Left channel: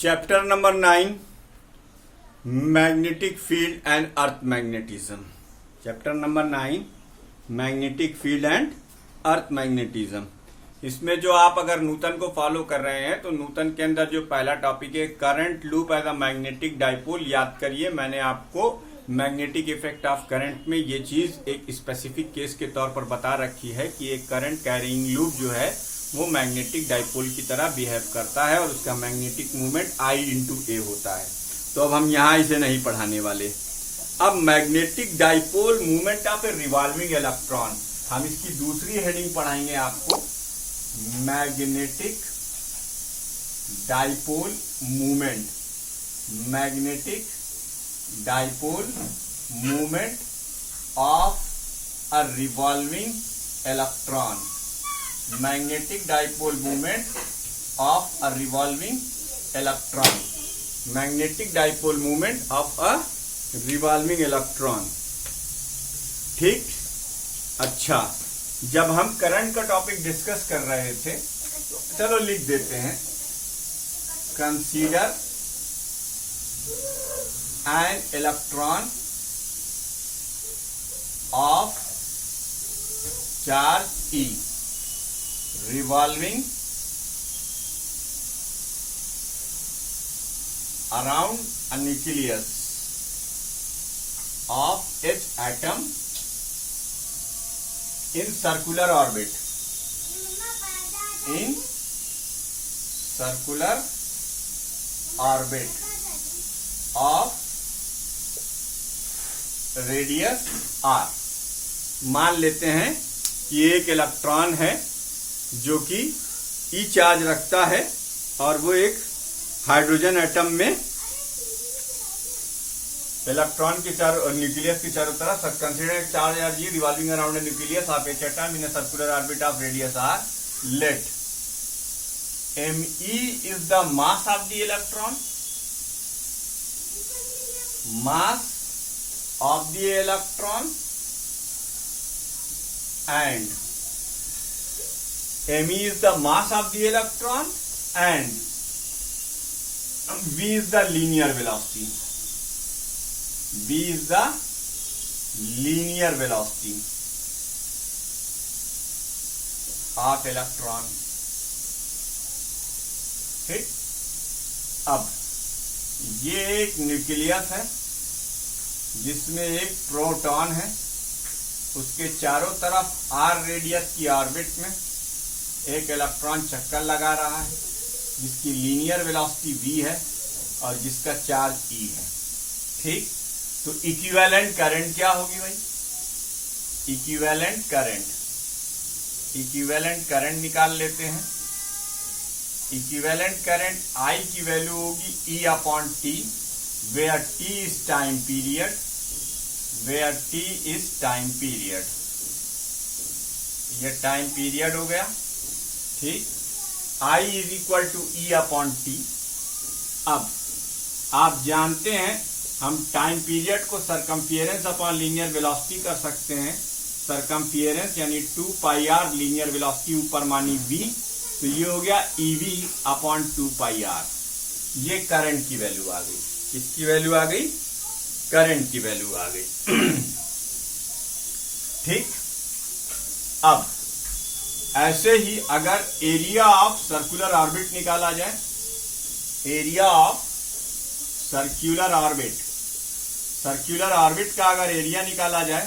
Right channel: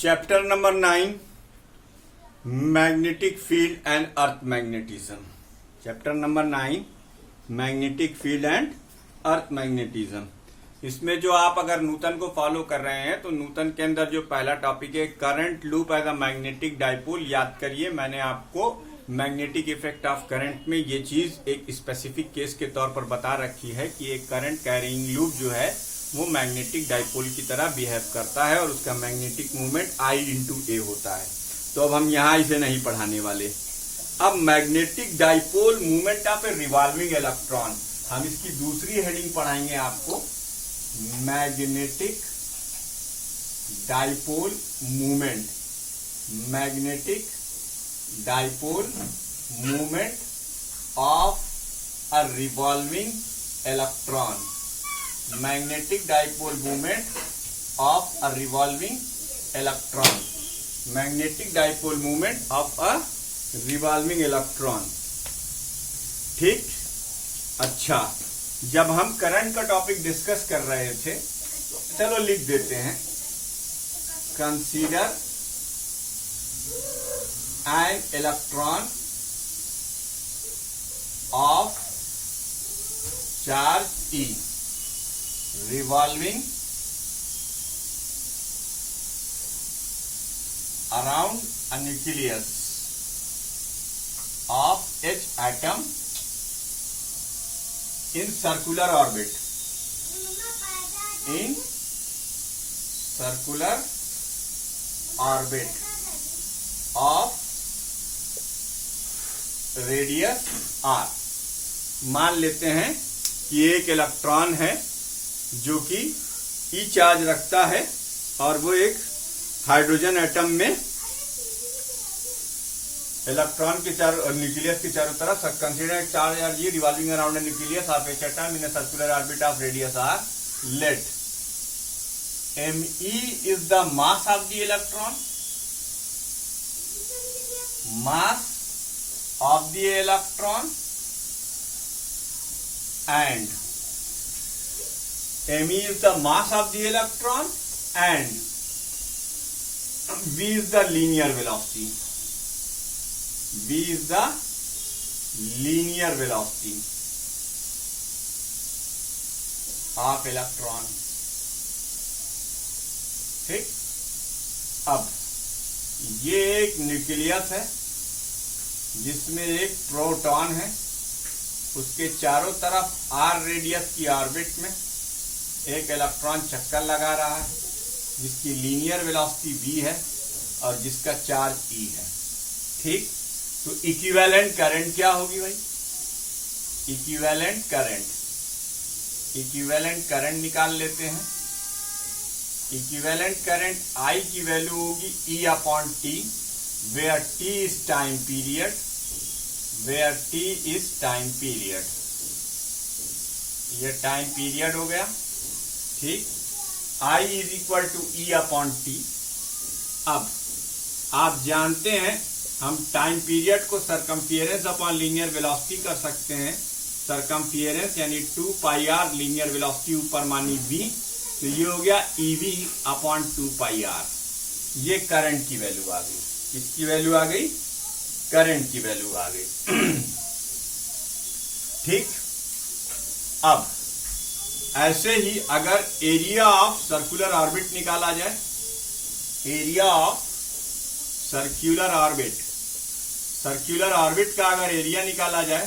Chapter number 9 magnetic field and earth magnetism. Chapter number 9 magnetic field and earth magnetism. इसमें जो आप अगर Newton को फॉलो कर रहे हैं तो न्यूटन के अंदर जो पहला टॉपिक है current loop as a magnetic dipole, याद करिए मैंने आपको मैग्नेटिक इफेक्ट ऑफ करंट में ये चीज एक स्पेसिफिक केस के तौर पर बता रखी है कि एक करंट कैरिंग लूप जो है वो मैग्नेटिक डाइपोल की तरह बिहेव करता है और उसका मैग्नेटिक मूवमेंट I/A होता है। तो अब हम यहां इसे नहीं पढ़ाने वाले। अब magnetic dipole movement of A revolving electron, हम इसकी दूसरी हेडिंग पढ़ाएंगे आपको, magnetic dipole movement. Magnetic dipole movement of a revolving electron. Magnetic dipole movement of a revolving electron. Magnetic dipole movement of a revolving electron. ठीक, अच्छा, जब हम current का टॉपिक डिस्कस कर रहे थे, चलो लिख देते हैं, consider an electron of charge E revolving around a nucleus of H atom in circular orbit. In circular orbit of radius r. मान लेते हैं कि एक इलेक्ट्रॉन है जो कि E चार्ज रखता है और वो एक हाइड्रोजन एटम में इलेक्ट्रॉन के चारों न्यूक्लियस के चारों तरफ consider charge R G revolving around a nucleus of H atom in a circular orbit of radius R. Let Me is the mass of the electron, mass of the electron, and Me is the mass of the electron and V is the linear velocity. V is the linear velocity of electron. ठीक, अब ये एक nucleus है जिसमें एक proton है, उसके चारों तरफ r रेडियस की ऑर्बिट में एक इलेक्ट्रॉन चक्कर लगा रहा है जिसकी लीनियर वेलोसिटी v है और जिसका चार्ज E है। ठीक, तो इक्विवेलेंट करंट क्या होगी भाई? इक्विवेलेंट करंट निकाल लेते हैं। इक्विवेलेंट करंट I की वैल्यू होगी E/T, where T is time period, where T is time period. ये टाइम पीरियड हो गया। ठीक, I is equal to E/T। अब आप जानते हैं हम टाइम पीरियड को सरकमफियरेंस अपॉन लीनियर वेलोसिटी कर सकते हैं। सरकमफियरेंस यानी 2πr, लीनियर वेलोसिटी ऊपर मानी v, तो ये हो गया EV/2πr। ये करंट की वैल्यू आ गई। किसकी वैल्यू आ गई? करंट की वैल्यू आ गई। ठीक, अब ऐसे ही अगर एरिया ऑफ सर्कुलर ऑर्बिट निकाला जाए, एरिया ऑफ सर्कुलर ऑर्बिट का अगर एरिया निकाला जाए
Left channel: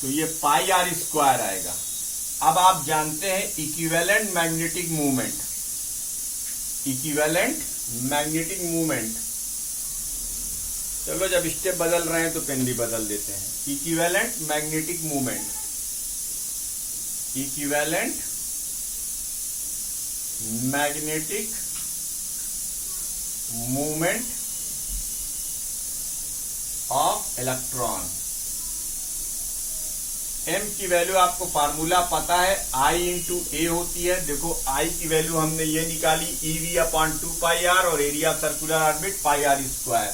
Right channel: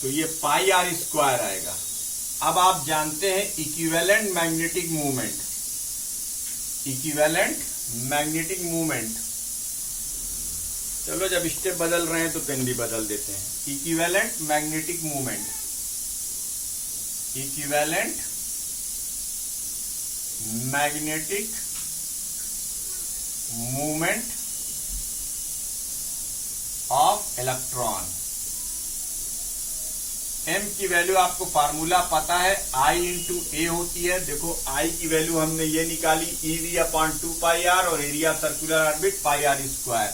तो ये πr² आएगा। अब आप जानते हैं इक्विवेलेंट मैग्नेटिक मूवमेंट, चलो जब स्टेप बदल रहे हैं तो पेन भी बदल देते हैं। Equivalent magnetic movement of electron. M की वैल्यू आपको फार्मूला पता है, I/A होती है। देखो I की वैल्यू हमने ये निकाली EV/2πr और एरिया सर्कुलर ऑर्बिट πr²।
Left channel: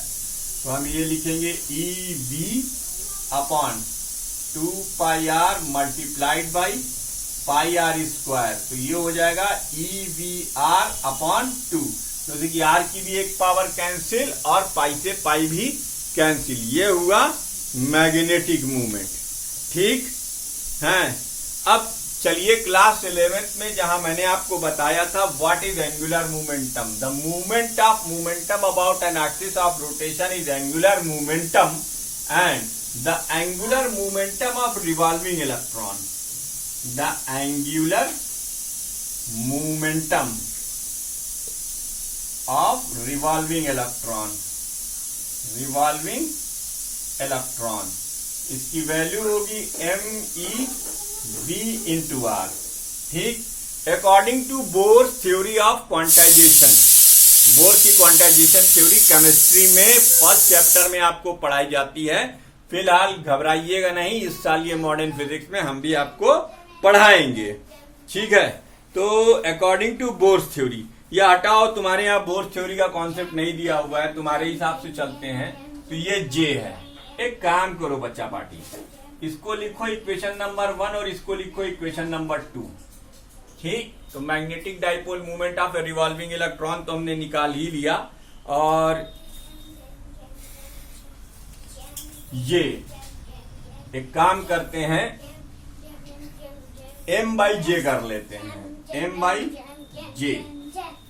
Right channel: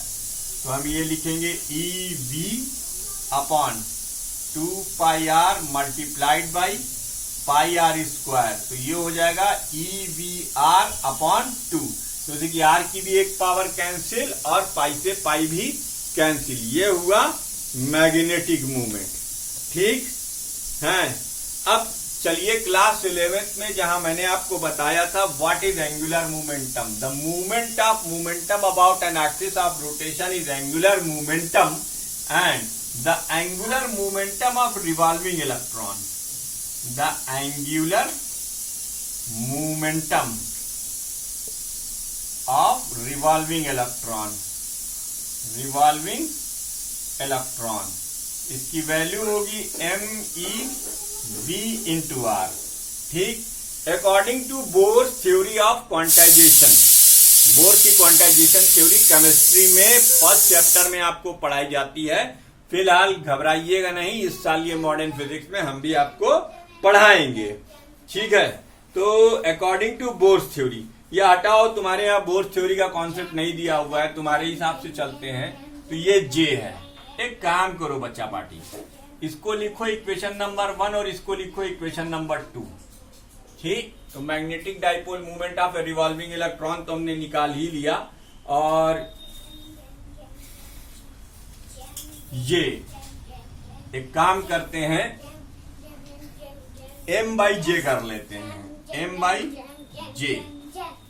तो हम ये लिखेंगे EV/2πr मल्टीप्लाइड बाई πr²। तो ये हो जाएगा EVR/2। जैसे कि r की भी एक पावर कैंसिल और पाई से पाई भी कैंसिल, ये हुआ मैग्नेटिक मूवमेंट। ठीक है। अब चलिए क्लास 11th में जहां मैंने आपको बताया था what is angular momentum, the movement of momentum about an axis of rotation is angular momentum and the angular momentum of revolving electron, the angular momentum of revolving electron, revolving electron, इसकी value होगी MeV into R. ठीक। According to Bohr's theory of quantization, Bohr's की quantization theory chemistry में first chapter में आपको पढ़ाई जाती है। फिलहाल घबराइएगा नहीं, इस साल ये मॉडर्न फिजिक्स में हम भी आपको पढ़ाएंगे। ठीक है। तो अकॉर्डिंग टू बोर्स थ्योरी, ये हटाओ, तुम्हारे यहाँ बोर्स थ्योरी का कॉन्सेप्ट नहीं दिया हुआ है, तुम्हारे हिसाब से चलते हैं। तो ये जे है। एक काम करो बच्चा पार्टी, इसको लिखो इक्वेशन नंबर 1 और इसको लिखो इक्वेशन नंबर 2। ठीक। तो magnetic dipole movement of A revolving electron तो हमने निकाल ही लिया, और ये एक काम करते हैं, m/j कर लेते हैं, m/j।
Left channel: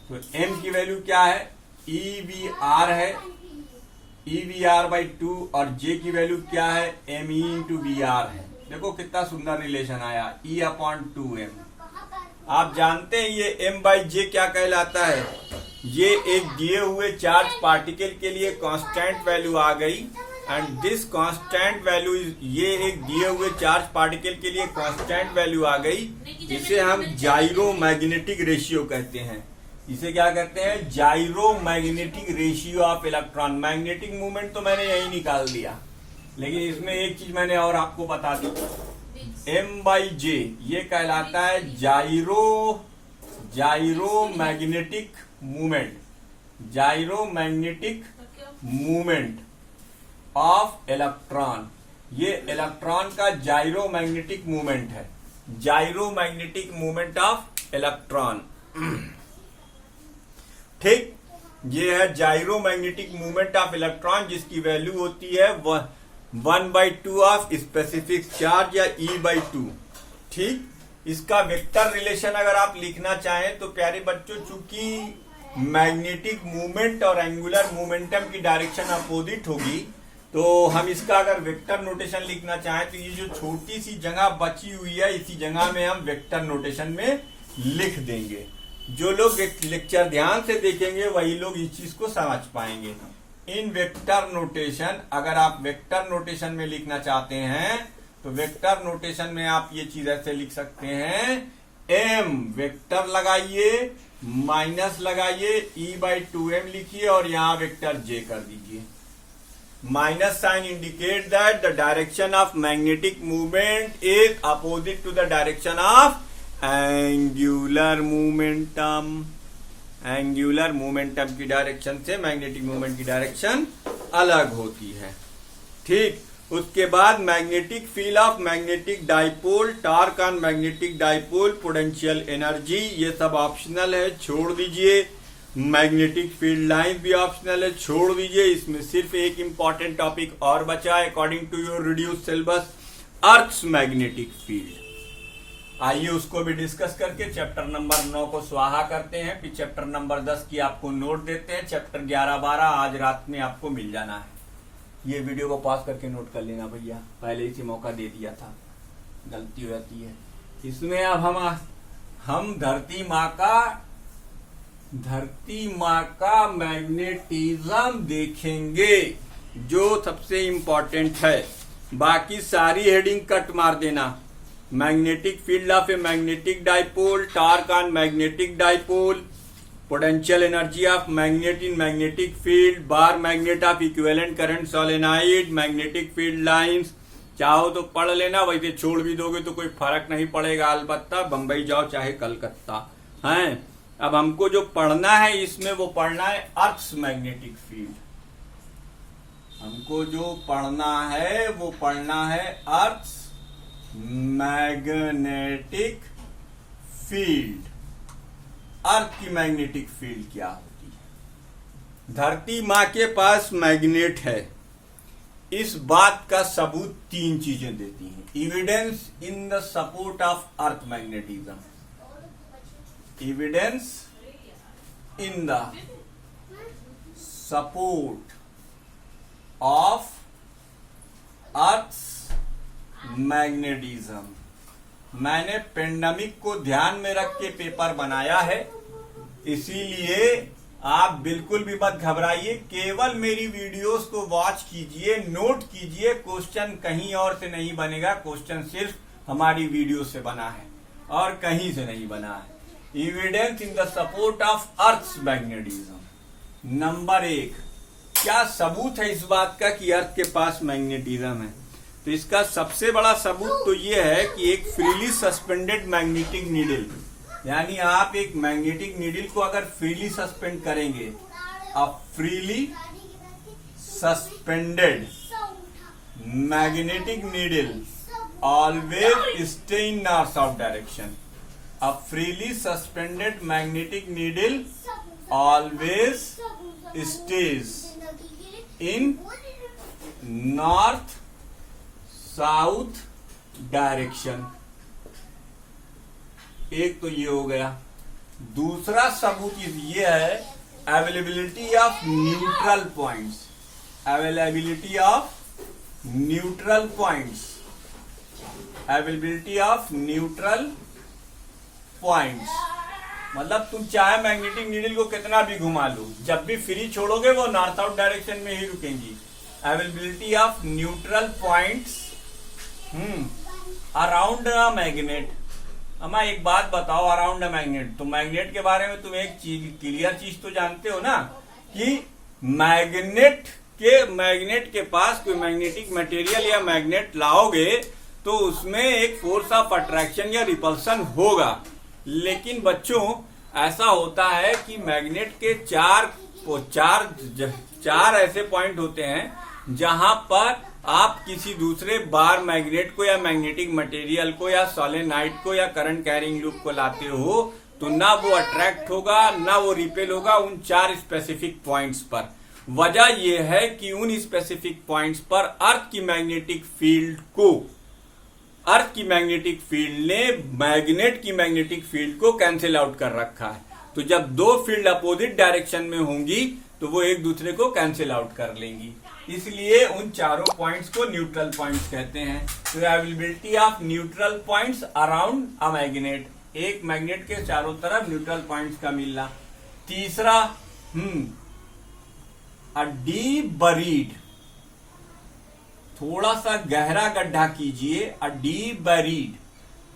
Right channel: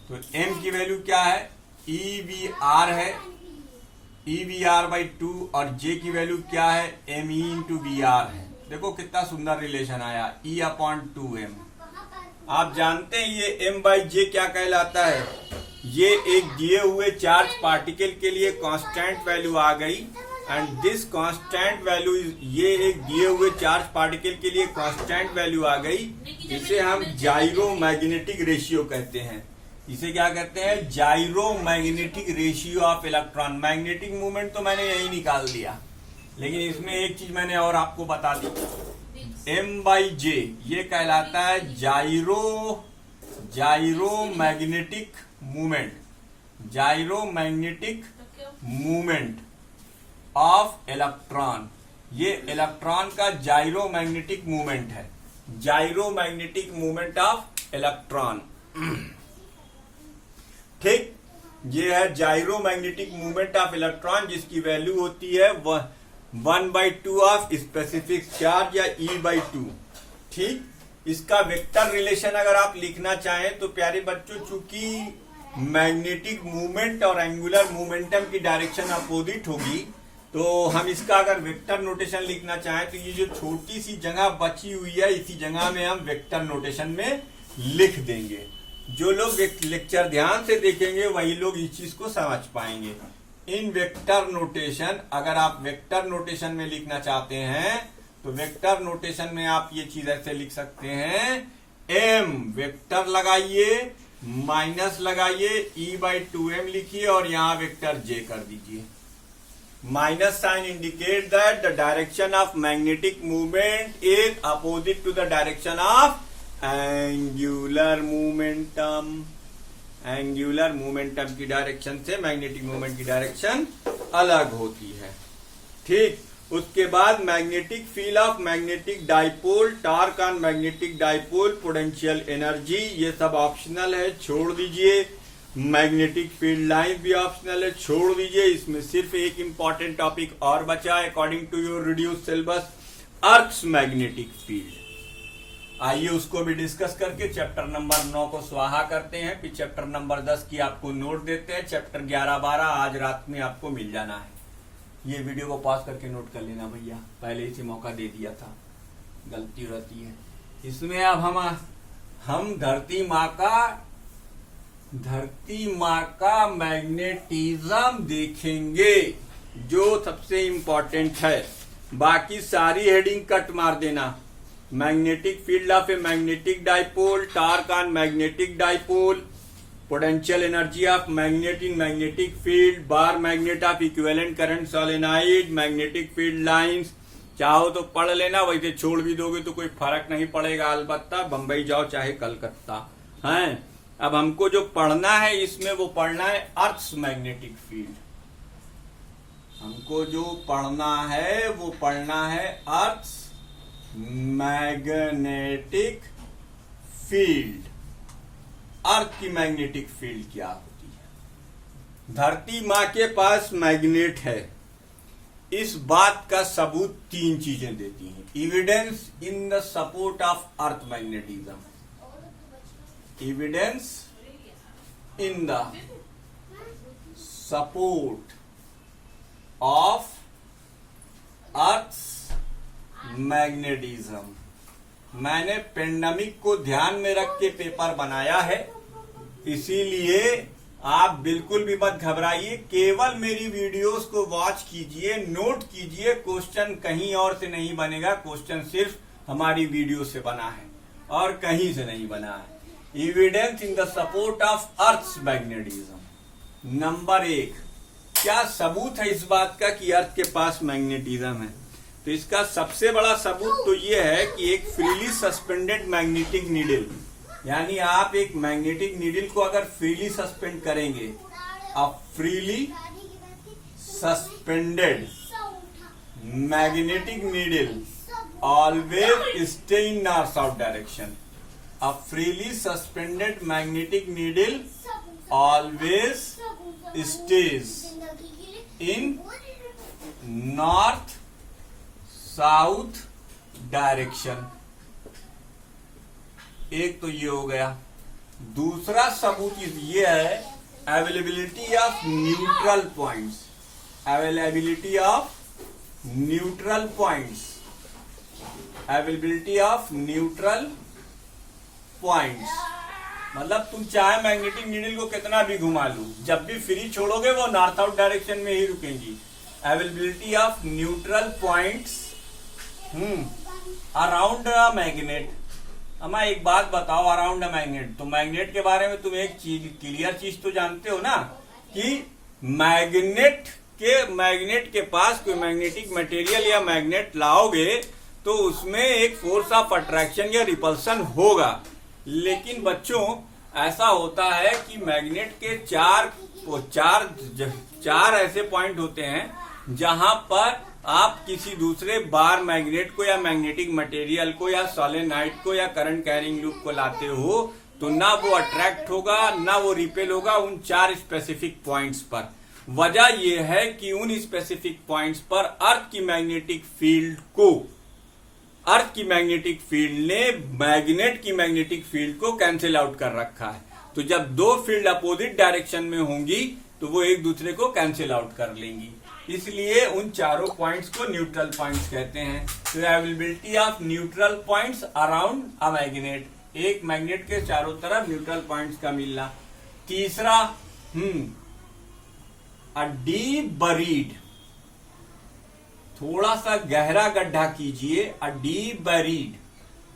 तो m की वैल्यू क्या है, EVR है, EVR/2, और j की वैल्यू क्या है, ME इंटू VR है। देखो कितना सुंदर रिलेशन आया, E/2m। आप जानते हैं ये m/j क्या कहलाता है, ये एक दिए हुए चार्ज पार्टिकल के लिए कांस्टेंट वैल्यू आ गई, एंड दिस कांस्टेंट वैल्यू, ये एक दिए हुए चार्ज पार्टिकल के लिए कांस्टेंट वैल्यू आ गई, जिसे हम जाइरो मैग्नेटिक रेशियो कहते हैं। इसे क्या कहते हैं, जाइरो magnetic ratio of electron. Magnetic movement तो मैंने यही निकाल दिया, लेकिन इसमें एक चीज मैंने और आपको बता दी, m/j ये कहलाता है जाइरो magnetic movement, जाइरो magnetic movement of electron. ये इलेक्ट्रॉन का जाइरो मैग्नेटिक मूवमेंट है, जाइरो मैग्नेटिक मूवमेंट ऑफ इलेक्ट्रॉन। ठीक। ये है जाइरो मैग्नेटिक मूवमेंट ऑफ इलेक्ट्रॉन, जिसकी वैल्यू होती है 1/2 ऑफ स्पेसिफिक चार्ज या E/2। ठीक। इसका वेक्टर रिलेशन अगर आप लिखना चाहें तो प्यारे बच्चों, चूंकि मैग्नेटिक मूवमेंट और एंगुलर मोमेंटम की डायरेक्शन अपोजिट होगी, तो हम इसका अगर वेक्टर नोटेशन लिखना चाहें तो ये जो छोटी सी जगह बची हुई है, इसी जगह में हम वेक्टर नोटेशन में लिख देंगे। जो लोग लेक्चर ध्यान से देखेंगे वही लोग इस चीज को समझ पाएंगे। इन वेक्टर नोटेशन, अगर आप वेक्टर नोटेशन में लिखना चाहते हैं तो वेक्टर नोटेशन में आप ये चीज ऐसे लिख सकते हैं, m वेक्टर लगाइए, माइनस लगाइए, E/2m लिखिए और यहां वेक्टर j कर दीजिए। Minus sign indicate that the direction of magnetic movement is opposite to the direction of angular momentum. Angular momentum की डायरेक्शन से मैग्नेटिक मोमेंट की डायरेक्शन अलग होती है। ठीक। उसके बाद magnetic field of magnetic dipole, torque on magnetic dipole, potential energy, ये सब ऑप्शनल है, छोड़ दीजिए। मैग्नेटिक फील्ड लाइन भी ऑप्शनल है, छोड़ दीजिए। इसमें सिर्फ एक इंपॉर्टेंट टॉपिक और बचा है according to your reduce syllabus, earth's magnetic field. आइए उसको भी डिस्कस करके चैप्टर नंबर 9 को स्वाहा करते हैं, फिर चैप्टर नंबर 10 की आपको नोट देते हैं। चैप्टर 11-12 आज रात में आपको मिल जाना है। ये वीडियो को पॉज करके नोट कर लेना भैया, पहले ही से मौका दे दिया था, गलती हो जाती है। इसमें अब हम धरती माँ का मैग्नेटिज्म देखेंगे, जो सबसे इंपॉर्टेंट है। बाकी सारी हेडिंग कट मार देना। Magnetic field of a magnetic dipole, torque on magnetic dipole, potential energy of magnet in magnetic field, bar magnet of equivalent current solenoid, magnetic field lines. चाहो तो पढ़ लेना, वैसे छोड़ भी दोगे तो कोई फर्क नहीं पड़ेगा। अलबत्ता बंबई जाओ चाहे कलकत्ता है। अब हमको जो पढ़ना है इसमें वो पढ़ना है अर्थ्स मैग्नेटिक फील्ड। हमको जो पढ़ना है वो पढ़ना है अर्थ्स मैग्नेटिक फील्ड। अर्थ की मैग्नेटिक फील्ड क्या होती है, धरती माँ के पास मैग्नेट है, इस बात का सबूत तीन चीजें देती हैं। Evidence in the support of earth magnetism, evidence in the support of earth magnetism. मैंने पेंडेमिक को ध्यान में रख के पेपर बनाया है, इसीलिए आप बिल्कुल भी मत घबराइए, केवल मेरी वीडियोस को वॉच कीजिए, नोट कीजिए। क्वेश्चन कहीं और से नहीं बनेगा, क्वेश्चन सिर्फ हमारी वीडियो से बना है और कहीं से नहीं बना है। Evidence in the support of earth magnetism. Number 1, क्या सबूत है इस बात का कि अर्थ के पास मैग्नेटिज्म है? तो इसका सबसे बड़ा सबूत तो ये है कि एक फ्रीली सस्पेंडेड मैग्नेटिक नीडल, यानी आप एक मैग्नेटिक नीडल को अगर फ्रीली सस्पेंड करेंगे, अब freely suspended magnetic needle always stay in north south direction. अब freely suspended magnetic needle always stays in north south direction. एक तो ये हो गया। दूसरा सबूत ये है availability of neutral points, availability of neutral points, availability of neutral points. मतलब तुम चाहे मैग्नेटिक नीडल को कितना भी घुमा लो, जब भी फ्री छोड़ोगे वो नॉर्थ साउथ डायरेक्शन में ही रुकेंगी। Availability of neutral points around a magnet. अम्मा एक बात बताओ, अराउंड अ मैग्नेट, तो मैग्नेट के बारे में तुम एक चीज क्लियर चीज तो जानते हो ना कि मैग्नेट के पास कोई मैग्नेटिक मटेरियल या मैग्नेट लाओगे तो उसमें एक फोर्स ऑफ अट्रैक्शन या रिपल्सन होगा। लेकिन बच्चों ऐसा होता है कि मैग्नेट के चार ऐसे पॉइंट होते हैं जहां पर आप किसी दूसरे बार मैग्नेट को या मैग्नेटिक मटेरियल को या सोलेनाइड को या करंट कैरिंग लूप को लाते हो तो ना वो अट्रैक्ट होगा ना वो रिपेल होगा उन 4 स्पेसिफिक पॉइंट्स पर। वजह यह है कि उन स्पेसिफिक पॉइंट्स पर अर्थ की मैग्नेटिक फील्ड ने मैग्नेट की मैग्नेटिक फील्ड को कैंसिल आउट कर रखा है। तो जब दो फील्ड अपोजिट डायरेक्शन में होंगी तो वो एक दूसरे को कैंसिल आउट कर लेंगी, इसलिए उन चारों पॉइंट्स को न्यूट्रल पॉइंट्स कहते हैं। तो availability of neutral points around a magnet, एक मैग्नेट के चारों तरफ न्यूट्रल पॉइंट्स का मिलना। तीसरा अ डीप बरीड, थोड़ा सा गहरा गड्ढा कीजिए, a deep buried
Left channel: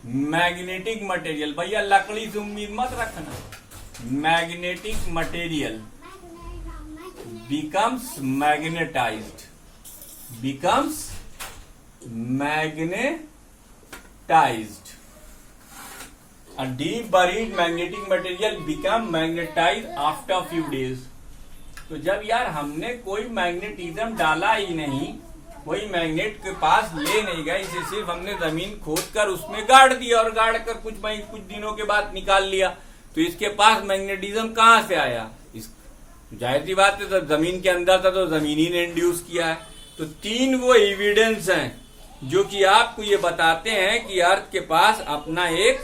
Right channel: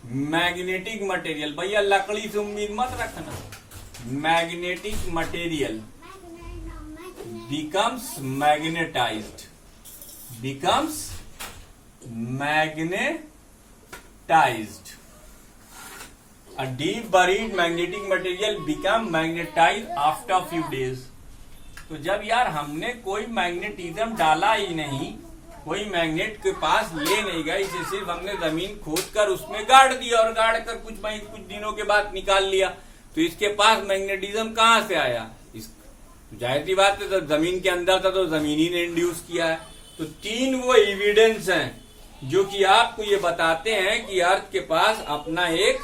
magnetic material. भैया लकड़ी से उम्मीद मत रखना। Magnetic material becomes magnetized, a deep buried magnetic material become magnetized after few days। तो जब यार हमने कोई मैग्नेटिज्म डाला ही नहीं, कोई मैग्नेट के पास ले नहीं गए, इसे सिर्फ हमने जमीन खोद कर उसमें गाड़ दिया और गाड़ कर कुछ दिनों के बाद निकाल लिया, तो इसके पास मैग्नेटिज्म कहां से आया? जाहिर सी बात है, तो जमीन के अंदर था तो जमीन ही ने इंड्यूस किया है। तो 3 वो एविडेंस हैं जो कि आपको ये बताते हैं कि अर्थ के पास अपना एक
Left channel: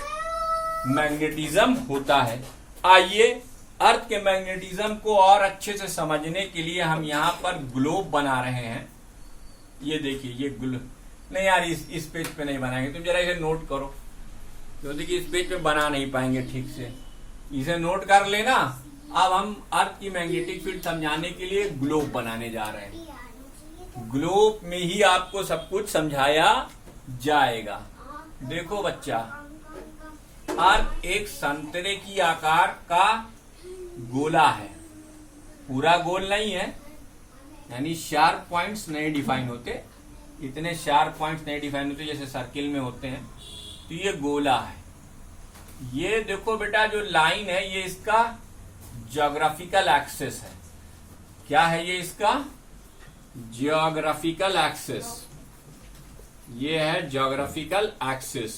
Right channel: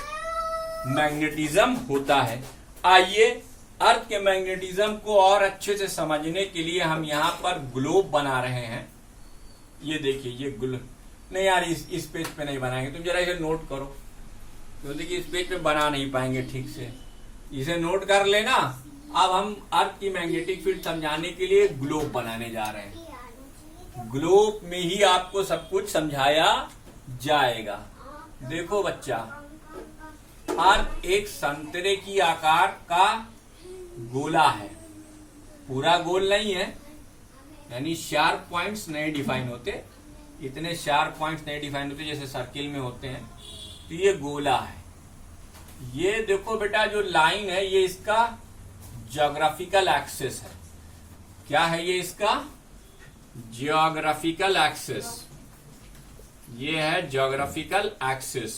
मैग्नेटिज्म होता है। आइए अर्थ के मैग्नेटिज्म को और अच्छे से समझने के लिए हम यहाँ पर ग्लोब बना रहे हैं। ये देखिए, ये ग्लोब नहीं यार, इस पेज पे नहीं बनाएंगे, तुम जरा इसे नोट करो। तो देखिए इस पेज पे बना नहीं पाएंगे ठीक से, इसे नोट कर लेना। अब हम अर्थ की मैग्नेटिक फील्ड समझाने के लिए ग्लोब बनाने जा रहे हैं। ग्लोब में ही आपको सब कुछ समझाया जाएगा। देखो बच्चा, अर्थ एक संतरे की आकार का गोला है, पूरा गोल नहीं है, यानी शार्प पॉइंट्स नहीं डिफाइन होते, इतने शार्प पॉइंट्स नहीं डिफाइन होते जैसे सर्किल में होते हैं। तो ये गोला है। ये देखो बेटा, जो लाइन है ये इसका ज्योग्राफिकल एक्सिस है। क्या है ये? इसका ज्योग्राफिकल एक्सिस, ये है ज्योग्राफिकल एक्सिस,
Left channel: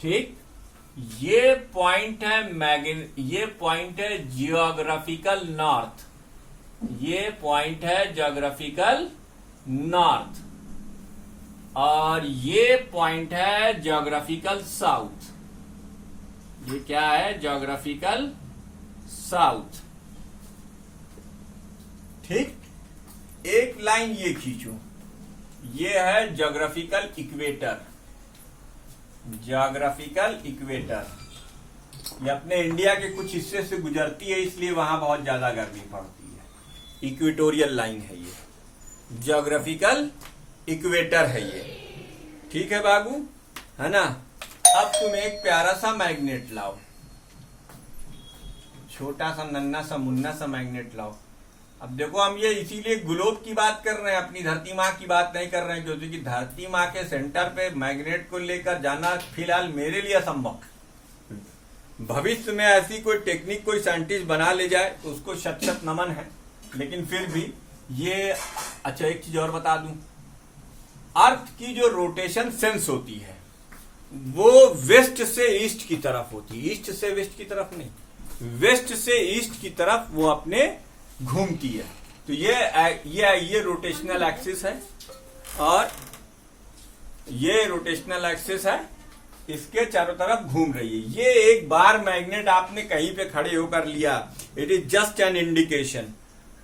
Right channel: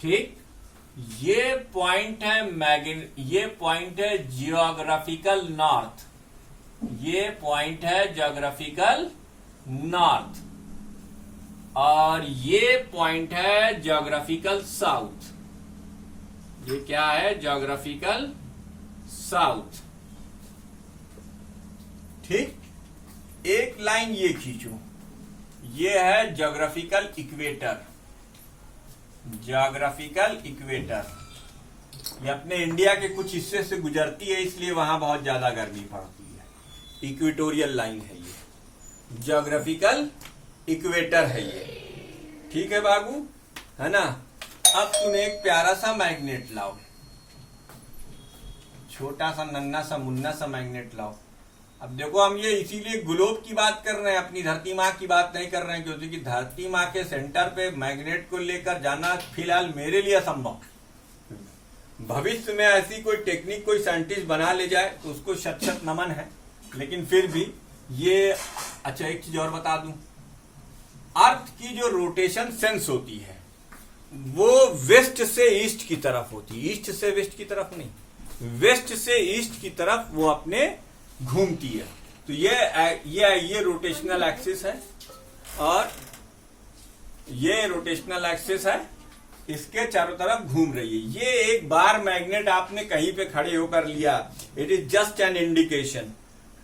ठीक। ये पॉइंट है ज्योग्राफिकल नॉर्थ, ये पॉइंट है ज्योग्राफिकल नॉर्थ और ये पॉइंट है ज्योग्राफिकल साउथ। ये क्या है? Geographical south. ठीक, एक लाइन ये खींचो, ये है ज्योग्राफिकल इक्वेटर। ज्योग्राफिकल इक्वेटर ये अपने इंडिया के कुछ हिस्से से गुजरती है, इसलिए वहां बहुत ज्यादा गर्मी पड़ती है। इक्वेटोरियल लाइन है ये, ज्योग्राफिकल इक्वेटर है ये। ठीक है बाबू, है ना? अब तुम एक प्यारा सा मैग्नेट लाओ, छोटा सा नन्ना सा मुन्ना सा मैग्नेट लाओ। अब देखो, हम ये इसीलिए ग्लोब की बात कर रहे हैं, अपनी धरती माँ की बात नहीं कर रहे हैं, क्योंकि धरती माँ के सेंटर पे मैग्नेट को लेकर जाना फिलहाल मेरे लिए असंभव। भविष्य में ऐसी कोई टेक्निक कोई साइंटिस्ट बना ले जाए तो उसको शत शत नमन है, लेकिन फिर भी ये। अच्छा, एक चीज और बता दूं, अर्थ की जो रोटेशन सेंस होती है वो वेस्ट से ईस्ट की तरफ होती है, ईस्ट से वेस्ट की तरफ नहीं, वेस्ट से ईस्ट की तरफ वो अपने घूमती है। तो ये रोटेशनल एक्सिस है और ये रोटेशनल एक्सिस है, इसके चारों तरफ घूम रही है। ये एक बार मैग्नेट आपने कहीं पे खड़े होकर लिया, it is just an indication.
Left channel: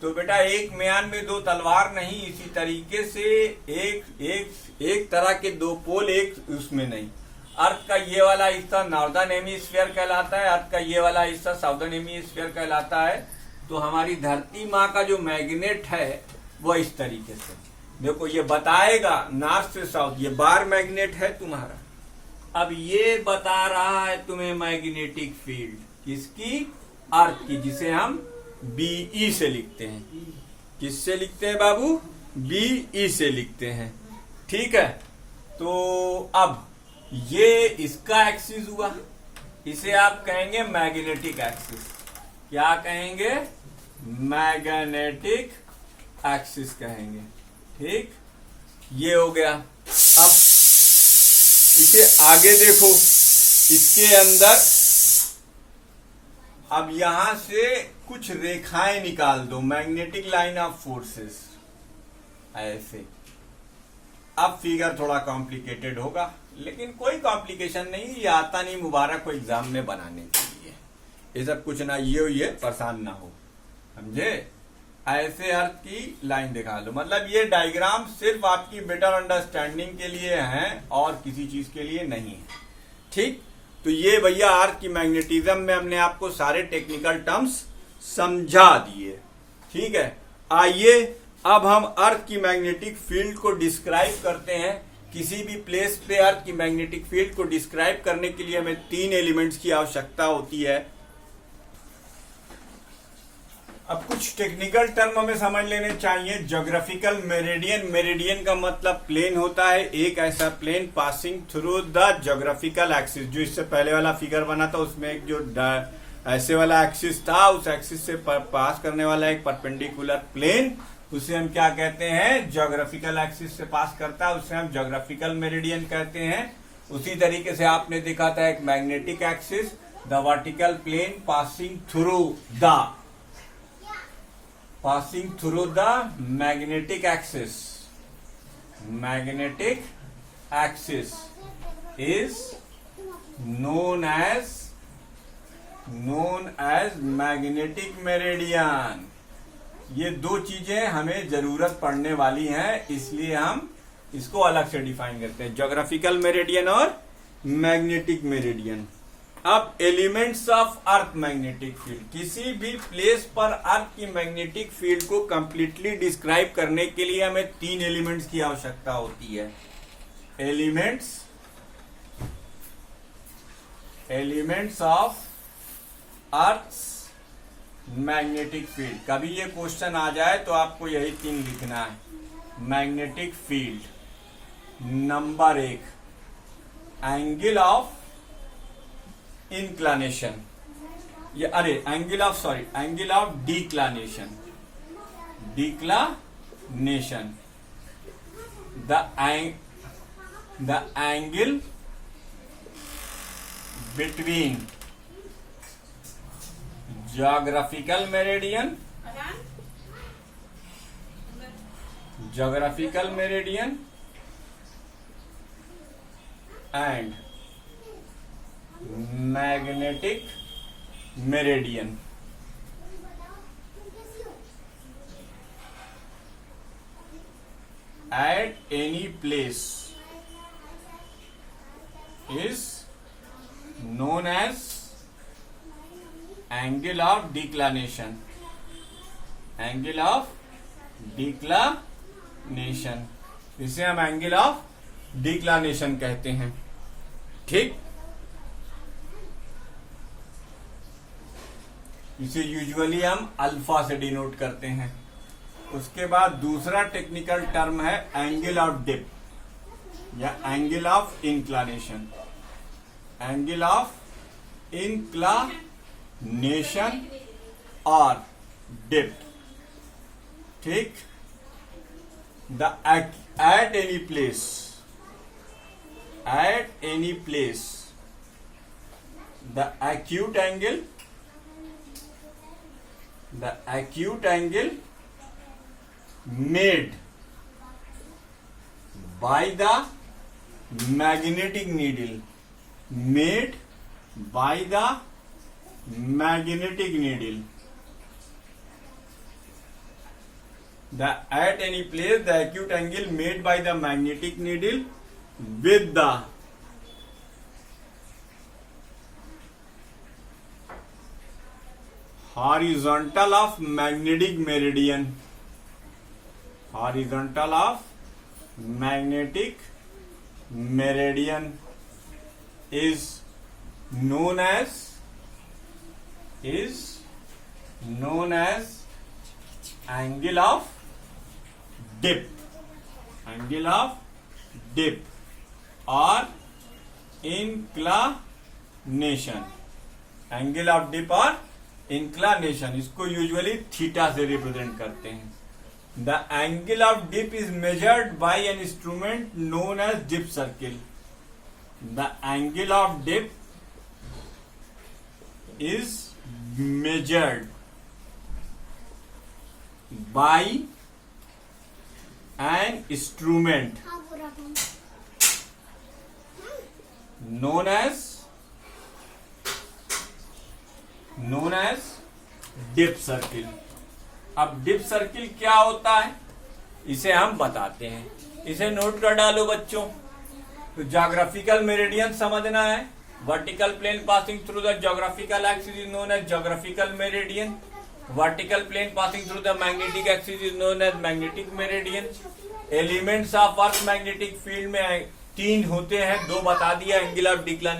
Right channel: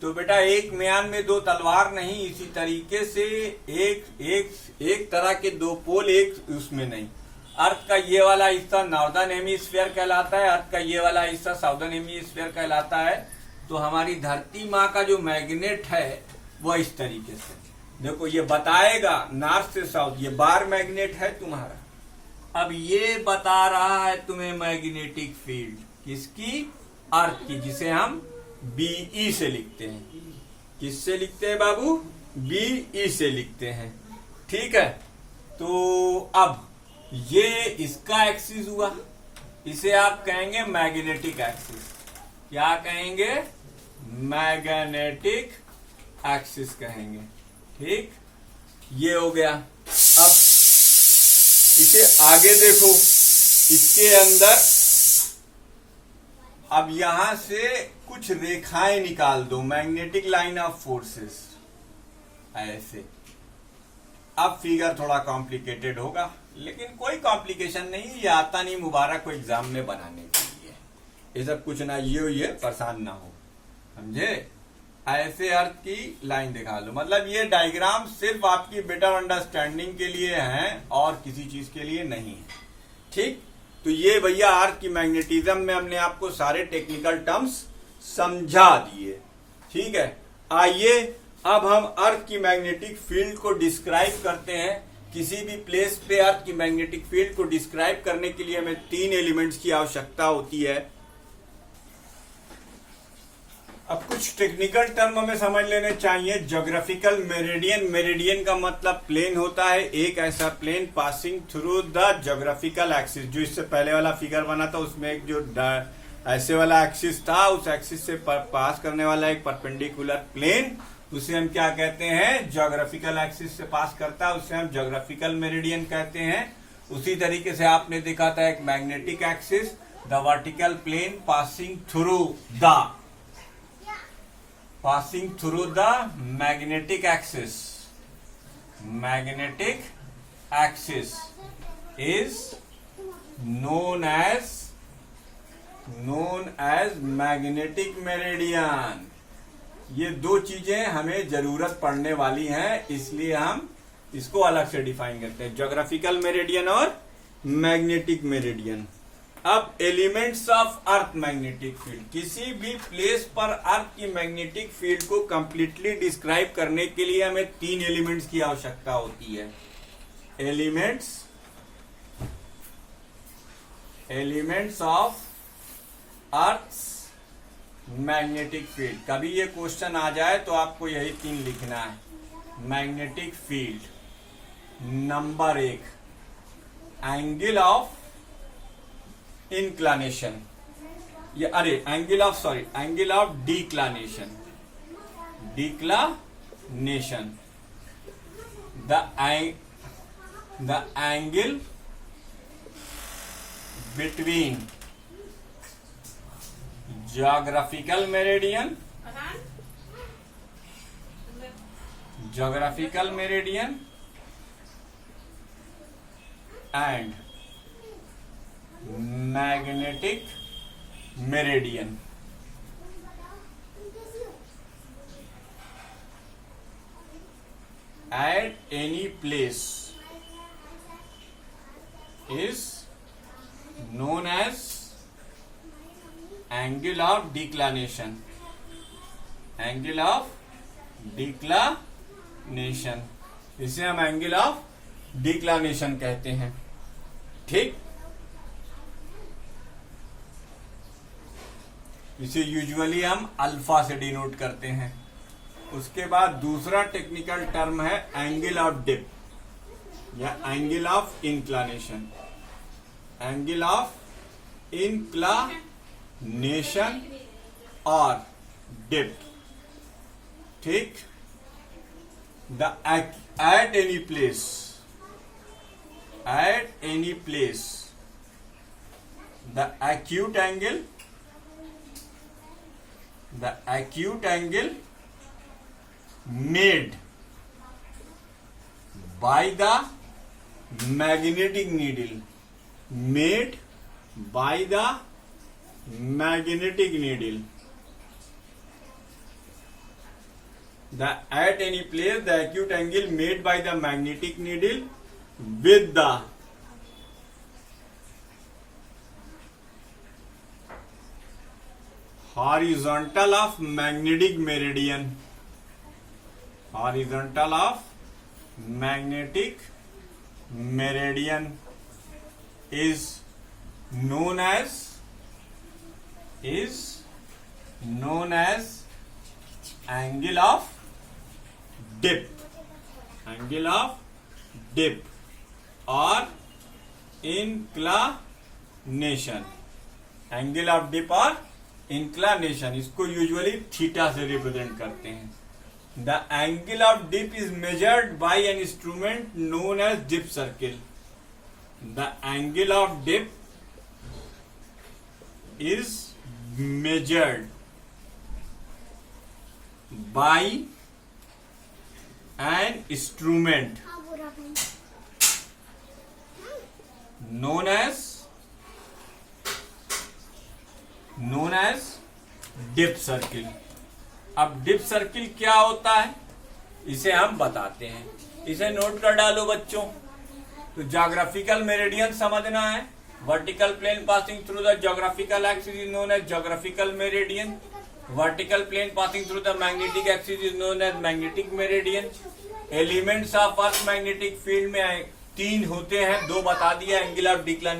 तो बेटा, एक म्यान में दो तलवार नहीं, इसी तरीके से एक तरह के दो पोल एक उसमें नहीं। अर्थ का ये वाला हिस्सा नॉर्दर्न हेमिस्फीयर कहलाता है, अर्थ का ये वाला हिस्सा साउदर्न हेमिस्फीयर कहलाता है। तो हमारी धरती माँ का जो मैग्नेट है वो इस तरीके से, देखो ये बताएगा नॉर्थ से साउथ, ये बार मैग्नेट है तुम्हारा। अब ये बता रहा है तुम्हें मैग्नेटिक फील्ड किसकी? अर्थ की, जिसे हम बीई से लिखते हैं। किससे लिखते हैं बाबू? बीई से लिखते हैं। ठीक है, तो अब ये इसका एक्सिस हुआ, इसे आप कहेंगे मैग्नेटिक एक्सिस। क्या कहेंगे? मैग्नेटिक एक्सिस कहेंगे। ठीक, ये हो गया। अब इसे आगे देखो, इसके अंदर अब यहां से कुछ रेखाएं निकाल दो, मैग्नेटिक लाइन ऑफ फोर्सेस, ऐसे। अब फिगर थोड़ा कॉम्प्लिकेटेड होगा, लेकिन कोई कॉम्प्लिकेशन नहीं, ये आता नहीं मुबारक को एग्जाम में बनाने के लिए। ये सब कुछ ना ये हुई है, परेशान ना हो, समझे? ऐसे अर्थ की लाइन दिखा लो, मतलब ये डायग्राम सिर्फ आपकी बेटर अंडरस्टैंडिंग के लिए है और किसी चीज के लिए नहीं है। ठीक, तो ये भैया अर्थ की मैग्नेटिज्म में हमने आपको सारे टेक्निकल टर्म्स समझा दिए। ठीक है, आइए अब हम अर्थ की मैग्नेटिक फील्ड को डिस्क्राइब करते हैं। किसी भी प्लेस पे अर्थ की मैग्नेटिक फील्ड को डिस्क्राइब करने के लिए हमें 3 एलिमेंट्स की आवश्यकता होती है। अब कुछ टेक्निकल टर्म हमें समझ लेने चाहिए। ज्योग्राफिकल मेरिडियन, मेरिडियन का मतलब प्लेन होता है, एक ऐसा plane passing through the geographical axis. जो इससे पहले वाला फिगर बना था उसमें एक जो ऐसे वाला एक्सिस था, उस एक्सिस से पास करने वाला एक परपेंडिकुलर प्लेन, उसे हम क्या कहते हैं? ज्योग्राफिकल एक्सिस से पास करता है, उसे हम ज्योग्राफिकल मेरिडियन कहते हैं। उसी तरीके से आपने देखा था एक magnetic axis, the vertical plane passing through the magnetic axis. Magnetic axis is known as magnetic meridian. ये दो चीजें हमें जरूरत पड़ने वाली हैं, इसलिए हम इसको अलग से डिफाइन करते हैं, ज्योग्राफिकल मेरिडियन और मैग्नेटिक मेरिडियन। अब elements of earth magnetic field, किसी भी प्लेस पर अर्थ की मैग्नेटिक फील्ड को कंप्लीटली डिस्क्राइब करने के लिए हमें 3 एलिमेंट्स की आवश्यकता होती है। Elements of earth magnetic field. कभी ये क्वेश्चन आ जाए तो आपको यही 3 लिखना है। Magnetic field, number 1 angle of inclination, angle of declination, the angle between geographical meridian geographical meridian and magnetic meridian. At any place is known as angle of declination. Angle of declination, इसे हम angle of डिक्लानेशन कहते हैं। ठीक, इसे usually हम alpha से denote करते हैं। उसके बाद दूसरा टेक्निकल टर्म है एंगल ऑफ डिप या एंगल ऑफ इंक्लानेशन। एंगल ऑफ इंक्लानेशन और डिप। ठीक, the at any place the acute angle made by the magnetic needle, at any place the acute angle made by the magnetic needle with the horizontal of magnetic meridian is known as angle of dip or inclination। Angle of dip और inclination, इसको usually theta से represent करते हैं। The angle of dip is measured by an instrument known as dip circle. The angle of dip is measured by an instrument known as dip circle। अब dip circle क्या होता है इसे हम बताते हैं, इसे नोट कर डालो बच्चों। तो ज्योग्राफिकल मेरिडियन समझना है। Vertical plane passing through the geographical axis is known as geographical meridian. Vertical plane passing through the magnetic axis is known as magnetic meridian। Elements of earth magnetic field में 3 होते हैं, 2 बता दिया। Angle of डिक्लानेशन